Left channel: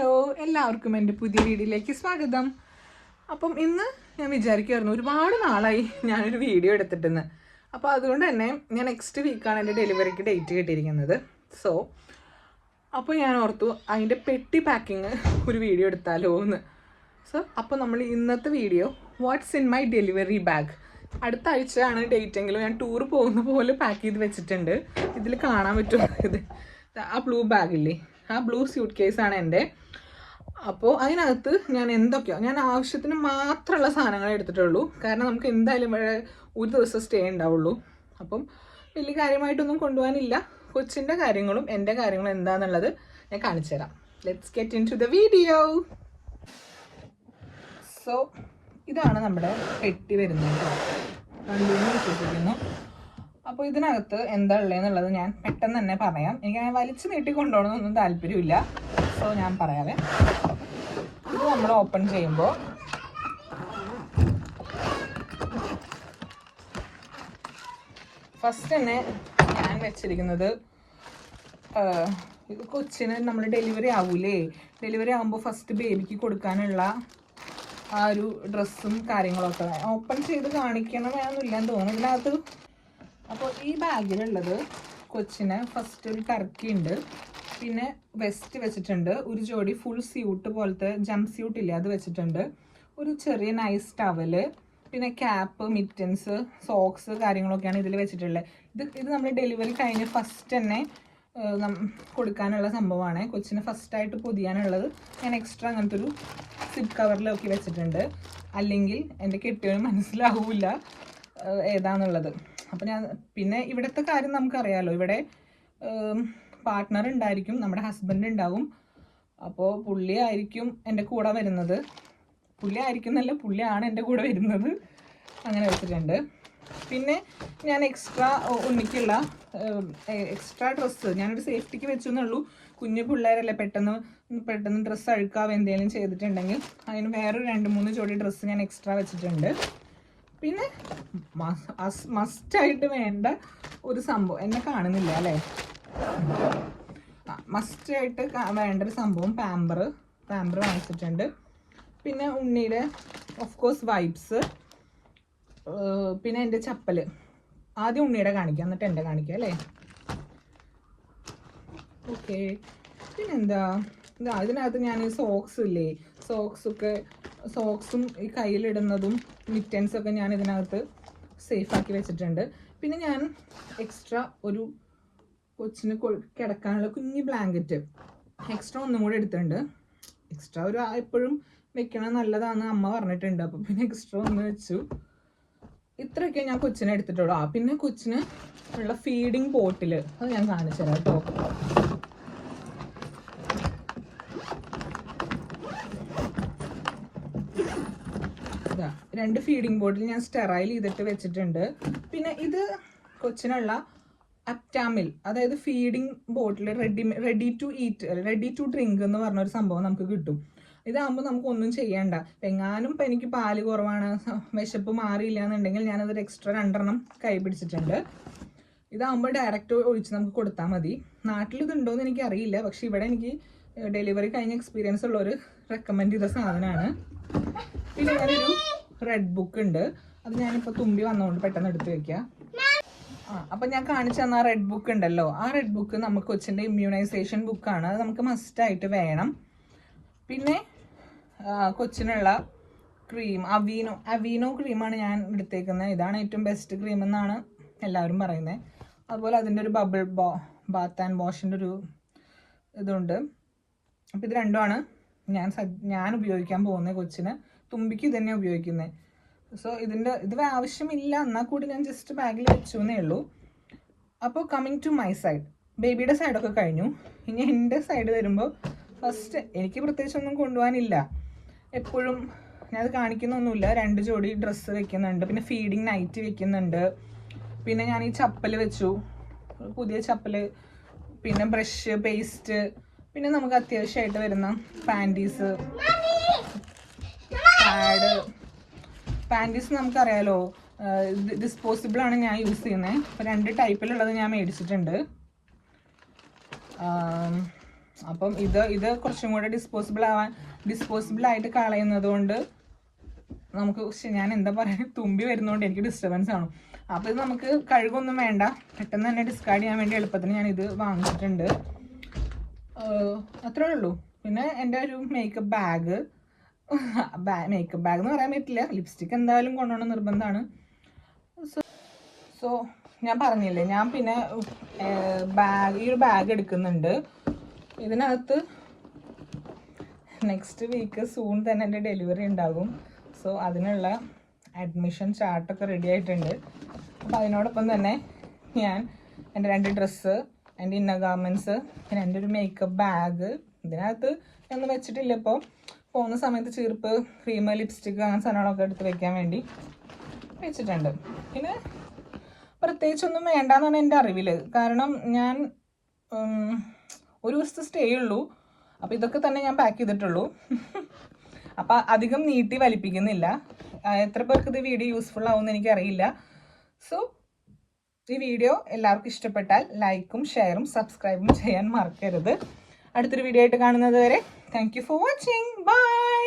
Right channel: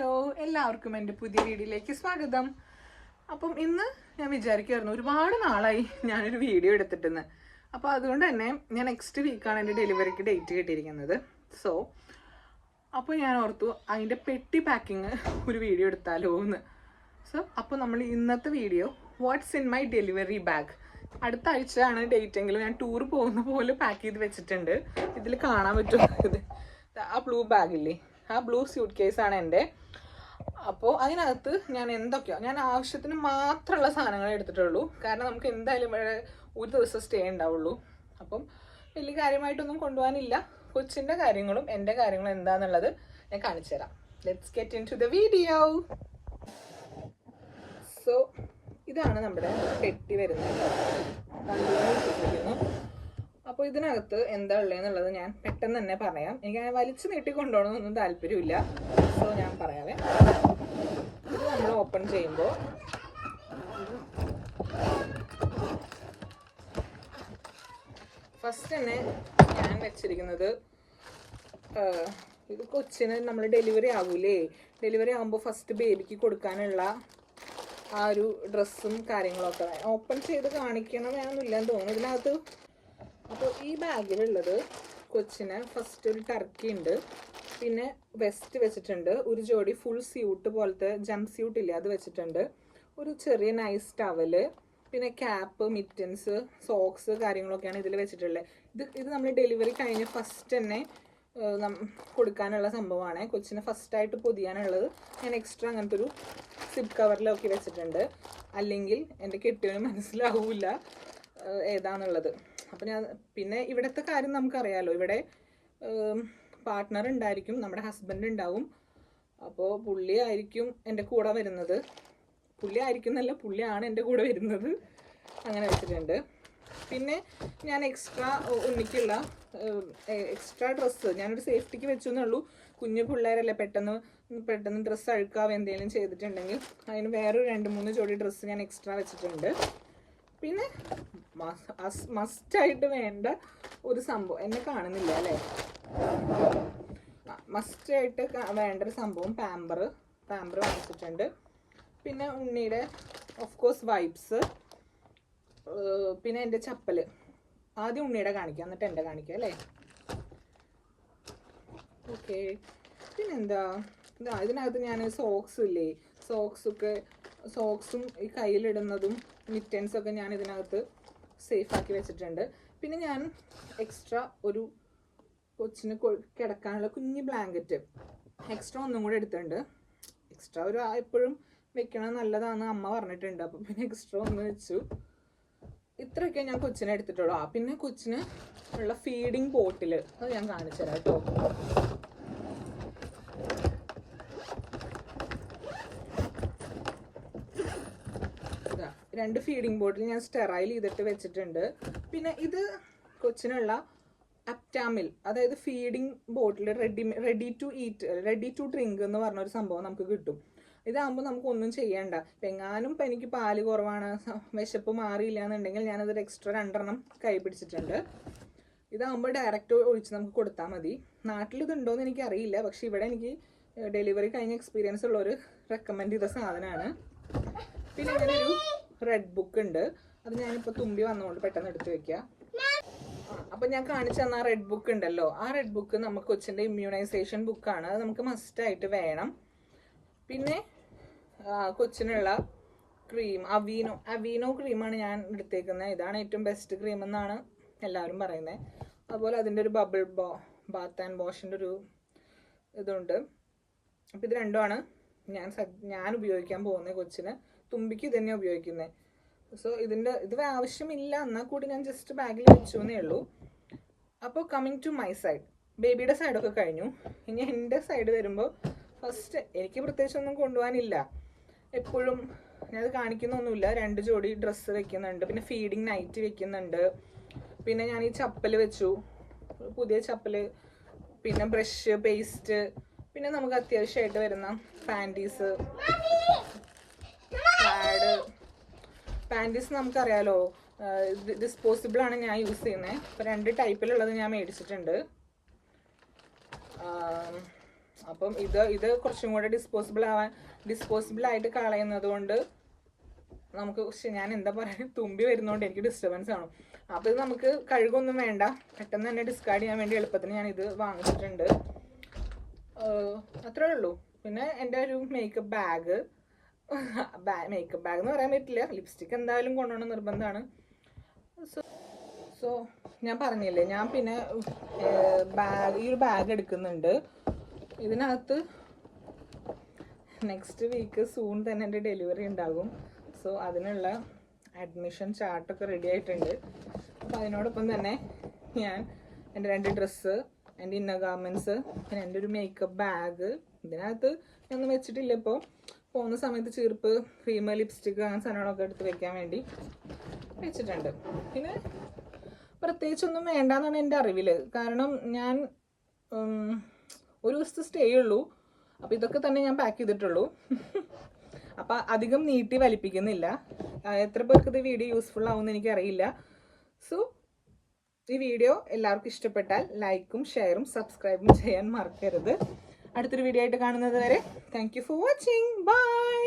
Hello എല്ലാവർക്കും എന്റെ പുതിയ വീഡിയോയിലേക്ക് സ്വാഗതം. അപ്പം ഇന്ന് ഞാൻ വിചാരിക്കുമായിരുന്നു ഒരുപാട് നാളായി ഞാനൊരു വീഡിയോ എടുത്തിട്ടെന്ന്. അപ്പോൾ അതുകൊണ്ട് തന്നെ ഞാൻ നെക്സ്റ്റ് വീക്കാണ് എന്റെ ഡെലിവറിക്ക് ഡേറ്റ് കിട്ടിയിരിക്കുന്നത്. സോ അപ്പോൾ ഞാൻ ഓർത്തു അതിന്റെ പെട്ടി പാക്കിങ് ഒരു വീഡിയോ എടുത്താലോ എന്ന്. സോ അപ്പോൾ നമ്മൾ ഇന്നത്തെ video what's in my delivery bag അടുത്ത ആഴ്ചയാണ് ഡേറ്റ് എങ്കിലും ഞാൻ ടൂർ പോകുന്ന പോലെ പാക്ക് ചെയ്ത് വെച്ചിട്ടുണ്ട്. ഇതിൽ കാണാൻ പറ്റും. ഇത് ആ ബ്ലൂ ബാഗില്ലേ ആ ബ്ലൂ സ്യൂട്ട് കേസാണ് എന്റെ. അപ്പോൾ അതിനകത്ത് ഞാൻ എന്തൊക്കെയോ ഞാൻ ആവശ്യത്തിന് മാത്രമുള്ള സാധനങ്ങൾ എടുത്തിട്ടുള്ളൂ. കാരണം നമുക്ക് എന്തായാലും ഇവിടെ ഒരു ദിവസം സ്റ്റേ ഉണ്ടാവുള്ളൂ. അപ്പം വലിയ കാര്യമായിട്ടൊന്നും കൊണ്ടുപോകാനില്ല. കൊച്ചിന്റെ കാര്യങ്ങളും എന്റെ കാര്യങ്ങളും എന്താണെന്നുള്ളത് ഞാൻ കാണിച്ചു തരാം. Let's get into the video so ഇതാണ് നമ്മുടെ കെട്ടി വരുന്നത് കേട്ടോ. കണ്ടിന്യൂ വിശ്വസിക്കുന്നു. അപ്പോൾ ഇതിനകത്ത് എന്താ ഉള്ളതെന്നുള്ളത് ഞാൻ പെട്ടെന്ന് തന്നെ പറയാം. എനിക്ക് അങ്ങനെ വലിച്ചു നീട്ടി കൊണ്ടുപോകണമെന്നൊന്നും താല്പര്യമില്ല. സോ ഞാൻ പറയാവേ. ഇത് നമ്മൾ ഓപ്പൺ ചെയ്യുമ്പോൾ ഫസ്റ്റ് തന്നെ ഞാൻ വെച്ചിരിക്കുന്നത് ഇത് കൊച്ചിന് നമ്മൾ ഡെലിവറി ആവൂലേ? ഡെലിവറി ആകുമ്പോൾ ഫസ്റ്റ് ബേബിക്ക് കൊടുക്കാനുള്ള ആ ഒരു ഡ്രസ്സും കാര്യങ്ങളൊക്കെ ഓപ്പൺ ചെയ്ത് കാണിക്കണം എന്നൊന്നുമില്ല എന്ന് തോന്നുന്നു. ഇതിനകത്ത് അപ്പോൾ ഈ ബാഗിലുള്ളത് കൊച്ചിന് ഫസ്റ്റ് ഒരു ടർക്കി ഉണ്ട്. പിന്നെ വെസ്റ്റ് വെച്ചിട്ടുണ്ട്. ഒരു ജോഡി ഫുൾ സ്യൂട്ട് പോലത്തെ ജം സ്യൂട്ട് ഇല്ല അത് വെച്ചിട്ടുണ്ട്. ഒരു ചെറിയ നൈസ് ടവൽ പിന്നെ ക്യാപ്പ് മിറ്റൻസ് സോക്സ് കാര്യങ്ങളൊക്കെയാണ് ഇതിൽ വെച്ചിട്ടുള്ളത്. ഇത് ഇത് നമ്മൾ ഡെലിവറി കഴിഞ്ഞ് ഫസ്റ്റ് തന്നെ കൊടുക്കാനുള്ള സംഭവമാണ്. കൊച്ചിന് ഫസ്റ്റായിട്ട് പൊതിയാനുള്ളത്. ഞാൻ എക്സ്ട്രാ അങ്ങനത്തെ ഒരു സിപ്പ് കവറിലൊക്കെ വെച്ചിട്ടുണ്ട്. അല്ലെങ്കിൽ എന്റെ കെട്ടിയവന് മനസ്സിലാവില്ല ഏതാന്നുള്ളത്. അപ്പം ഞാൻ പിന്നെ ഇവിടുത്തെ കാര്യം നമുക്കറിയാമല്ലോ ഇവിടെ പാർട്ട്ണർ ഉണ്ടായിരിക്കും നമ്മുടെ ഹസ്ബൻഡ് ഉണ്ടാവും. അപ്പോൾ പുള്ളി ആയിരിക്കും എന്റെ കൂടെ വരുന്നത്. പുള്ളി ആയിരിക്കും എന്നല്ല പുള്ളിയാണ് എന്റെ കൂടെ വരുന്നത്. അങ്ങനെ വെച്ചിട്ടുണ്ട്. പിന്നെ ഞാൻ എക്സ്ട്രാ ഉണ്ണിക്കുള്ള എക്സ്ട്രാ ഡ്രസ്സ് ഞാനൊരു സേഫ്റ്റിക്ക് വെച്ചു എന്നുള്ളൂ കുഞ്ഞു പിള്ളേരല്ലേ പെട്ടെന്ന് പെട്ടെന്ന് ഡ്രസ്സ് അഴുക്കാവ് എന്തെങ്കിലും ചെയ്തിട്ടുണ്ടെങ്കിൽ അതിന് വേറെ രണ്ട് മൂന്ന് ജോഡി ഡ്രസ്സ് ഞാൻ എക്സ്ട്രാ വെച്ചിട്ടുണ്ട്. പിന്നെ മസ്റ്റായിട്ട് വേണ്ട ഒരു സംഭവം. എന്നെ കാണുന്നില്ല അല്ലേ? മസ്റ്റായിട്ട് വേണ്ട ഒരു സംഭവം പാമ്പർ പാമ്പർ വാങ്ങിച്ചിട്ടുണ്ട്. പിന്നെ ഉണ്ണിയുടെ ഓഫ് കോഴ്സ് വൈബ്സ് പിന്നെ എന്റെ ചപ്പൽ ആദ്യം ഉണ്ണിയുടെ കാണിക്കാം എന്നിട്ട് എന്റെ കാണിക്കാം അല്ലേ? ഓക്കെ പിന്നെന്താ? ഇതാ ഇതിനകത്ത് ഞാൻ സോക്സ് ഇല്ലേ? സോക്സൊക്കെ സോക്സും ഈ കയ്യിലിടുന്നതും മിറ്റൻസൊക്കെ ഞാൻ ഇതിനകത്ത് സേഫാക്കി വെച്ചിട്ടുണ്ട്. പിന്നെ ഞാൻ എക്സ്ട്രാ ഒരു കൊച്ചിന് കിടക്കാനുള്ള കുഞ്ഞി ബ്ലാങ്കറ്റ് എക്സ്ട്രാ ഒന്നും കൂടെ എടുത്തിട്ടുണ്ട്. എക്സ്ട്രാ ഒരു എപ്പോഴും വെക്കണം നല്ലതാണെന്ന് അമ്മ പറഞ്ഞിട്ടുണ്ട്. അപ്പോൾ പിന്നെ എക്സ്ട്രാ ഒന്ന് വെച്ചു. ഇത്രയൊക്കെ ഞാൻ കൊച്ചിനെ എടുത്തിട്ടുള്ളൂ. ആ പിന്നെ കൊച്ചിന് ഉള്ള ഫീഡിങ് ബോട്ടിൽ അത് ഞാൻ കാണിച്ചു തരാം കേട്ടോ. രണ്ട് ഫീഡിങ് ബോട്ടിൽ ഞാൻ സ്റ്റെറൈൽ ചെയ്തിട്ട് വെച്ചിട്ടുണ്ട്. പിന്നെ ഇത് കൊച്ചിനുള്ള അപ്റ്റാമിൽ അതായത് feeding bottle ready ready to eat ready to drink എന്ന് പറഞ്ഞ ഒരു സംഭവം നമുക്ക് കിട്ടും. ഇതാകുമ്പോൾ നമുക്കൊന്നും ചെയ്യണ്ട. എങ്ങാനും ഇപ്പം എനിക്ക് പാൽ കുറവാണ് വിശപ്പ് മാറിയില്ല എന്നുണ്ടെങ്കിൽ ഞാനതൊരു എക്സ്ട്രാ രണ്ടെണ്ണം കൈ പിടിച്ചിട്ടുണ്ട്. ഇതാകുമ്പോൾ ഡയറക്റ്റ് ഒഴിച്ച് നമുക്ക് കൊടുത്താൽ മതി. നാട്ടിൽ എനിക്ക് അറിയില്ല പക്ഷെ ഇവിടെ എനിക്ക് ഡെലിവറി കഴിഞ്ഞ എക്സ്പീരിയൻസ് ഉള്ള ഒരു റെക്കമെൻഡ് ചെയ്ത സാധനമാണ് പിന്നെ ഞാനൊരു റെഡ് ബുക്ക് ഉണ്ട്. അത് ഞാനിപ്പോൾ തുമ്പി വന്നുകൊണ്ട് പെട്ടെന്ന് എടുത്ത് വെക്കാം ആ അപ്പം ഞാൻ കാണിച്ചു തന്ന റെഡ് ബുക്ക് ഉണ്ടല്ലോ. ആ റെഡ് ബുക്ക് നമുക്ക് കൊച്ചിന്റെ ഇമ്മ്യൂണൈസേഷൻ ബുക്കാണ് അത് നമുക്ക് മസ്റ്റ് ആയിട്ട് വേണം. പിന്നെ കൊച്ചിനുള്ള ക്രീം അവീനോ അവീനോ ക്രീമാണ് ഞാൻ എടുത്തേക്കുന്നത് ഇതാണ് ഏറ്റവും ബെസ്റ്റ് ക്രീം എന്നാണ് എല്ലാവരും പറയുന്നത് അതുപോലെ അതിന്റെ ഒരു ബബിൾ ബോ ബാത്ത് ആൻഡ് വാഷിന്റെ ഒരു ഇതുണ്ട്. അപ്പോൾ ഇത് രണ്ടുമാണ് ഞാൻ ഞാൻ ഉപയോഗിക്കാൻ പോകുന്നത് കൊച്ചിന്. തുമ്പിക്ക് ഇതന്നെ തന്നെ ഉപയോഗിക്കുന്നത് സോ ഇതിന്റെ ഇത് ആവശ്യമില്ല. എന്നാൽ കൂടി ഞാൻ ജസ്റ്റ് ബാഗിൽ വെച്ചു എന്നേ ഉള്ളൂ. അപ്പോൾ കമ്മിങ് ടു മൈ സൈഡ് ബേബിയുടെ സൈഡൊക്കെ കഴിഞ്ഞു. ഇനി എന്റെ സൈഡ് വരുമ്പോൾ ഫസ്റ്റ് എനിക്ക് പ്രത്യേകിച്ച് ഒന്നും കൊണ്ടുപോകാനില്ല. എപ്പോഴും ഞാനത് കാണിക്കുന്നൊന്നുമില്ല. രണ്ട് ജോഡി ഡ്രസ്സ് വെക്കുന്നുണ്ട്. പിന്നെ ഫീഡിങ് നൈറ്റ് വെക്കുന്നുണ്ട്. പിന്നെ ഞാൻ ഈ ചപ്പൽ വെച്ചു. പുതിയ ചപ്പൽ പിന്നെ ബ്രഷ് പേസ്റ്റ് പിന്നെ നമുക്ക് അത്യാവശ്യമായിട്ട് വരുന്ന പാന്റീസ് പാഡ് പാന്റീസ് നമുക്കറിയാലോ ഡിസ്പോസിബിൾ ആണ് ഞാൻ യൂസ് ചെയ്യുന്നത് അപ്പോൾ രണ്ട് ടൈപ്പിലുള്ളത് ഞാൻ മേടിച്ചിട്ടുണ്ട്. അപ്പം ഇത് ഇത് കുറച്ചും കൂടെ ഡിസ്പോസിബിൾ ആവാൻ ഡിസ്പോസിബിൾ ആയിട്ട് കളയുന്നത് കൊണ്ട് നമുക്ക് ഞാൻ എന്താ പറയുക തുമ്പി വരുന്നതുകൊണ്ട് എനിക്ക് ഡിസ്റ്റർബൻസ് ആണ് അപ്പോൾ ഇത് നമുക്ക് കഴുകൊന്നും വേണ്ട. പെട്ടെന്ന് തന്നെ ഡിസ്കാർഡ് ചെയ്യാൻ വേണ്ടി എളുപ്പത്തിന് ഞാൻ ഇത് വാങ്ങിച്ചിട്ടുണ്ട്. അത്രേ ഉള്ളൂ. പിന്നെ എന്റെ ഒരു മേക്കപ്പ് ബാഗ് മേക്കപ്പ് ബാഗ് എന്ന് പറയാൻ പറ്റില്ല. ലിപ്സ്റ്റിക് എന്തായാലും കൊണ്ടുപോകണം നിർബന്ധമാണ്. സോ ഞാൻ പറഞ്ഞില്ലേ ഞാൻ പിന്നെ ബാഗ് ഈ ഒരു ബാഗ് എടുക്കുന്നുണ്ട്. ഇതിനകത്ത് നെക്സ്റ്റ് വീക്ക് സൂൺ തന്നെ എന്റെ ഡെലിവറി ഉണ്ടാകും. സോ അതിനുള്ള അഡ്മിഷൻ ചാർട്ടൊക്കെ റെഡി ആയിട്ടുണ്ട്. അപ്പോൾ അതിനോടൊപ്പം തന്നെ ഞാൻ എന്റെ രണ്ട് ഡ്രസ്സ് എന്റെ ഇന്നർ ഗാർമെന്റ്സ് പിന്നെ എന്റെ ഒരു മേക്കപ്പ് ബാഗ് ഇതിനകത്ത് ഒന്നും വെച്ചിട്ടില്ല ഇപ്പോൾ പോകുന്ന സമയത്ത് ചീർപ്പ് ക്രീം ലിപ്സ്റ്റിക്ക് അങ്ങനെ സാധനങ്ങളൊക്കെ എടുത്ത് വെക്കാൻ വേണ്ടി വെച്ചിട്ടുണ്ട്. പിന്നെ പ്രത്യേകിച്ചൊന്നും വേണ്ടെന്നാണ് എന്റെ അറിവിൽ കാരണം ഞാൻ ഒരു ദിവസത്തെ സ്റ്റേ ഉള്ളൂ. അപ്പോൾ ഇതൊക്കെ തന്നെ ഞാൻ പാക്ക് ചെയ്തിട്ടുള്ളൂ. അപ്പോൾ അധികം നീട്ടി വലിപ്പിക്കുന്നില്ല. എത്ര പേർക്ക് ഇത് വീഡിയോ യൂസ്ഫുൾ ആവുമെന്ന് എനിക്കറിയില്ല. സോ ഈ വീഡിയോ എല്ലാവർക്കും ഇഷ്ടപ്പെട്ടാൽ ലൈക്കും ഷെയറും സബ്സ്ക്രൈബും ചെയ്യാൻ മറക്കരുത്. അടുത്തൊരു വീഡിയോ ആയിട്ട് കാണുന്നത് വരെ thank you for watching bye